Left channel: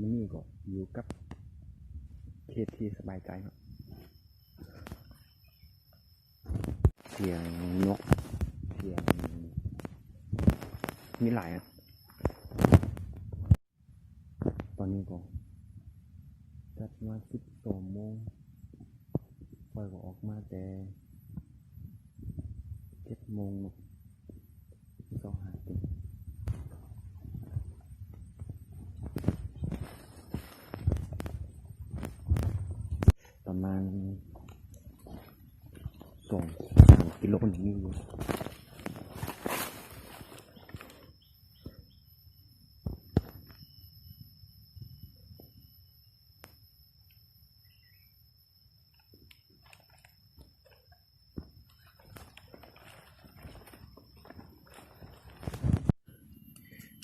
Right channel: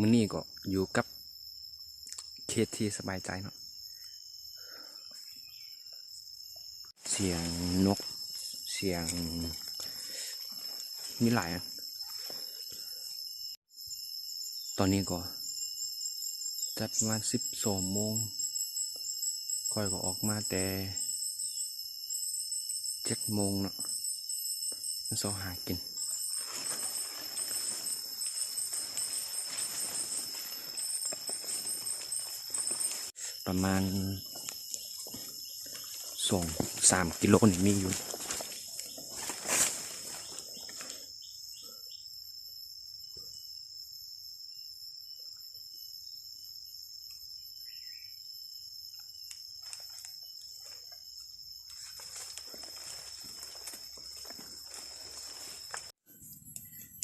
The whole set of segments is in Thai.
มื้อนี้ก็อยู่กับเขตที่สบายใจเนาะเสียงนกเสียงมีหลายตอนนี้ก็จัดประมาณ12 โมงค่อยก็ออกมาแต่7 โมงเนาะมันสอหากินประมาณ3 กิโลนี่มีอยู่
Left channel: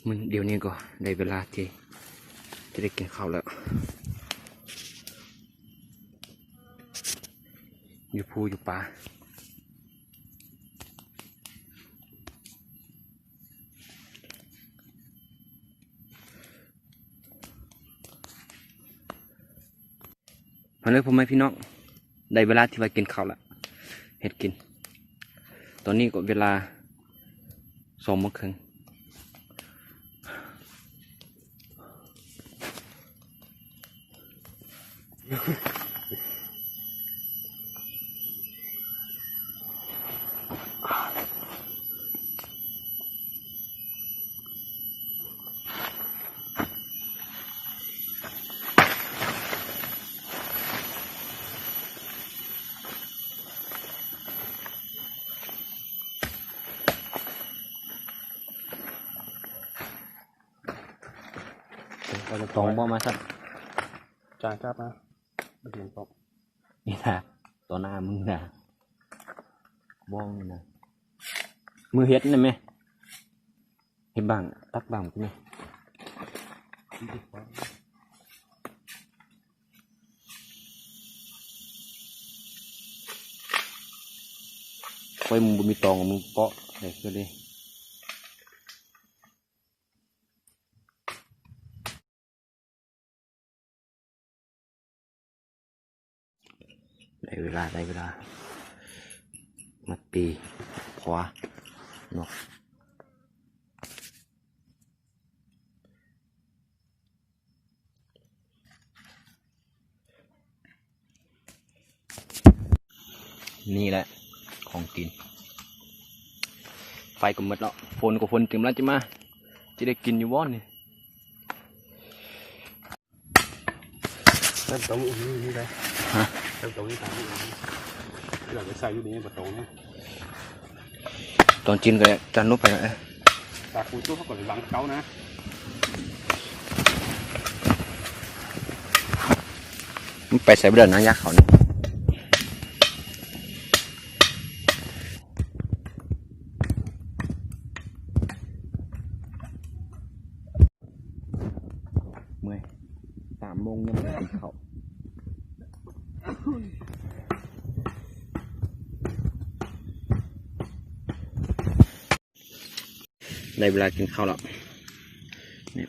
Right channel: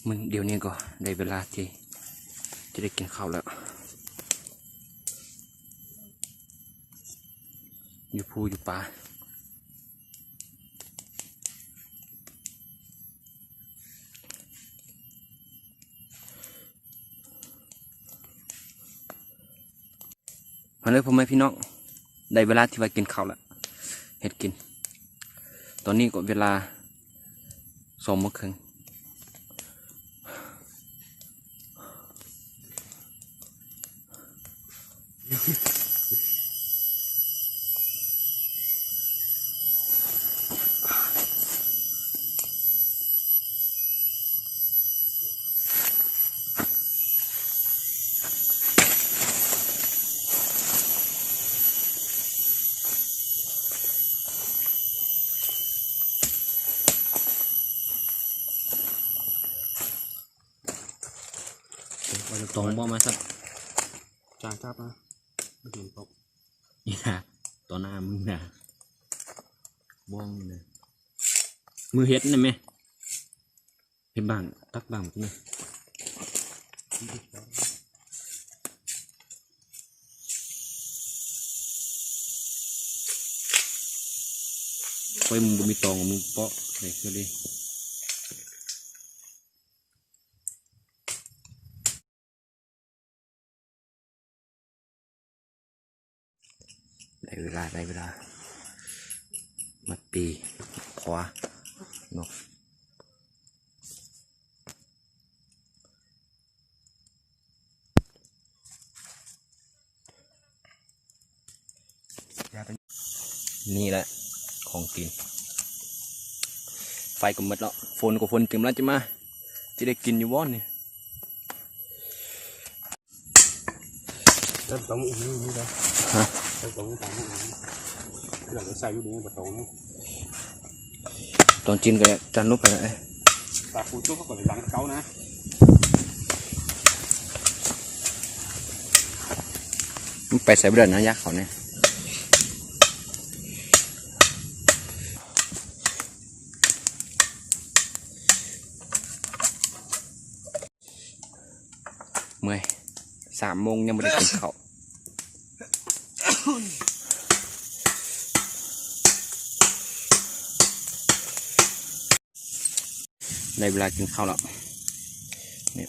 มันเดี๋ยวนี้ก็ได้เวลาที่จะได้กินข้าวแล้วอยู่ภูอยู่ป่ามาเลยพ่อแม่พี่น้องได้เวลาที่ว่ากินข้าวแล้วเห็ดกินตอนนี้ก็เวลา2 โมงครึ่งเราตองบ่มาสักจ้าครับนะไม่เห็นปอกนี่นะตัวหน้ามึงนะบ้องนะมือเฮ็ดนี่ไหมเฮ็ดบ้างตักบ้างใช่ไหมค่อยมึงบ่มีตองมึงเปาะไหนคือเลยได้เวลามาตีขวานกนี่แหละของกินไฟก็หมดแล้วฝนเต็มแล้วจะมาจะได้กินอยู่บ้านนี่เริ่มต้มอีกนี่เลยเริ่มต้มนี่ตามพวกนี้เราจะใส่อยู่ในประตูเนี่ยตอนกินก็จันนุบไปนะตาคูตู้เขาก็หลังเก้านะไปใส่เบอร์นะยักษ์เขาเนี่ยเมื่อย3 โมงยังไม่ได้กินข้าวได้เวลากินข้าวแล้วเนี่ย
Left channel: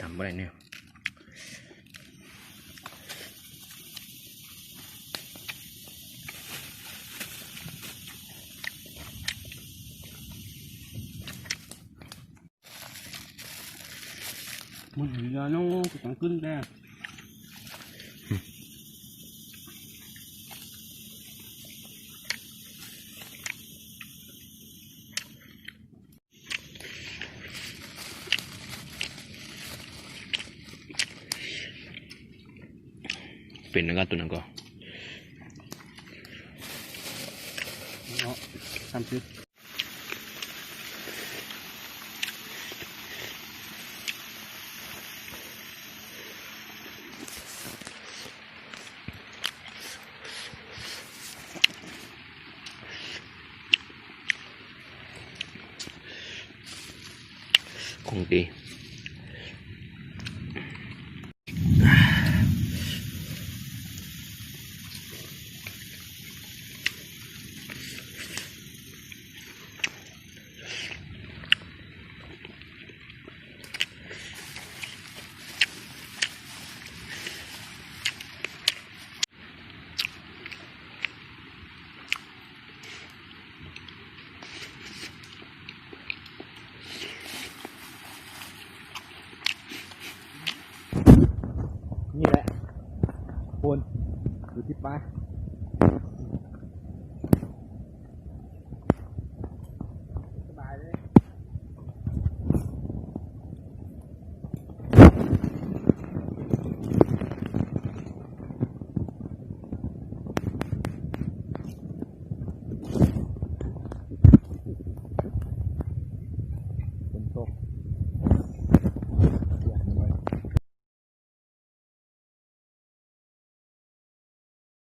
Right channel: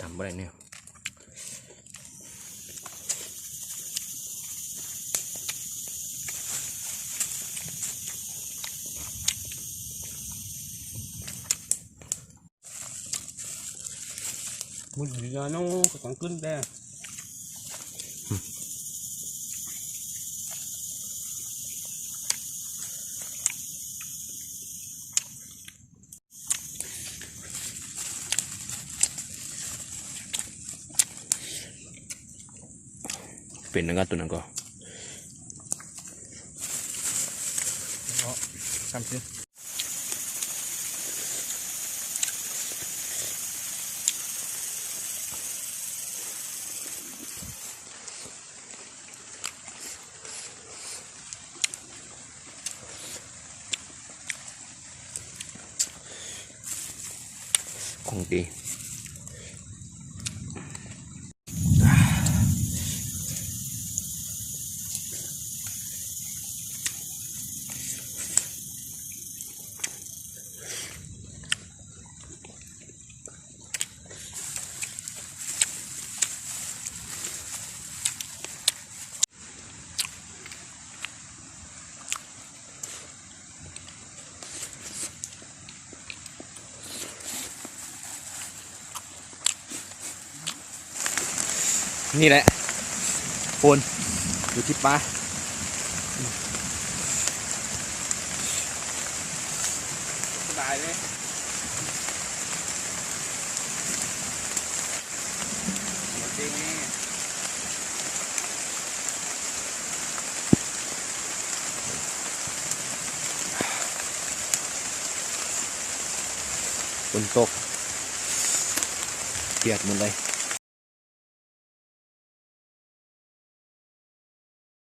ทำอะไรเนี่ยมึงเหลือน้องจะต้องขึ้นได้เป็นนั่นก็ตัวนั้นก็30 ของดีนี่แหละโฟนอยู่ที่ปลาสบายเลยฝนตกเปียกหมดเลย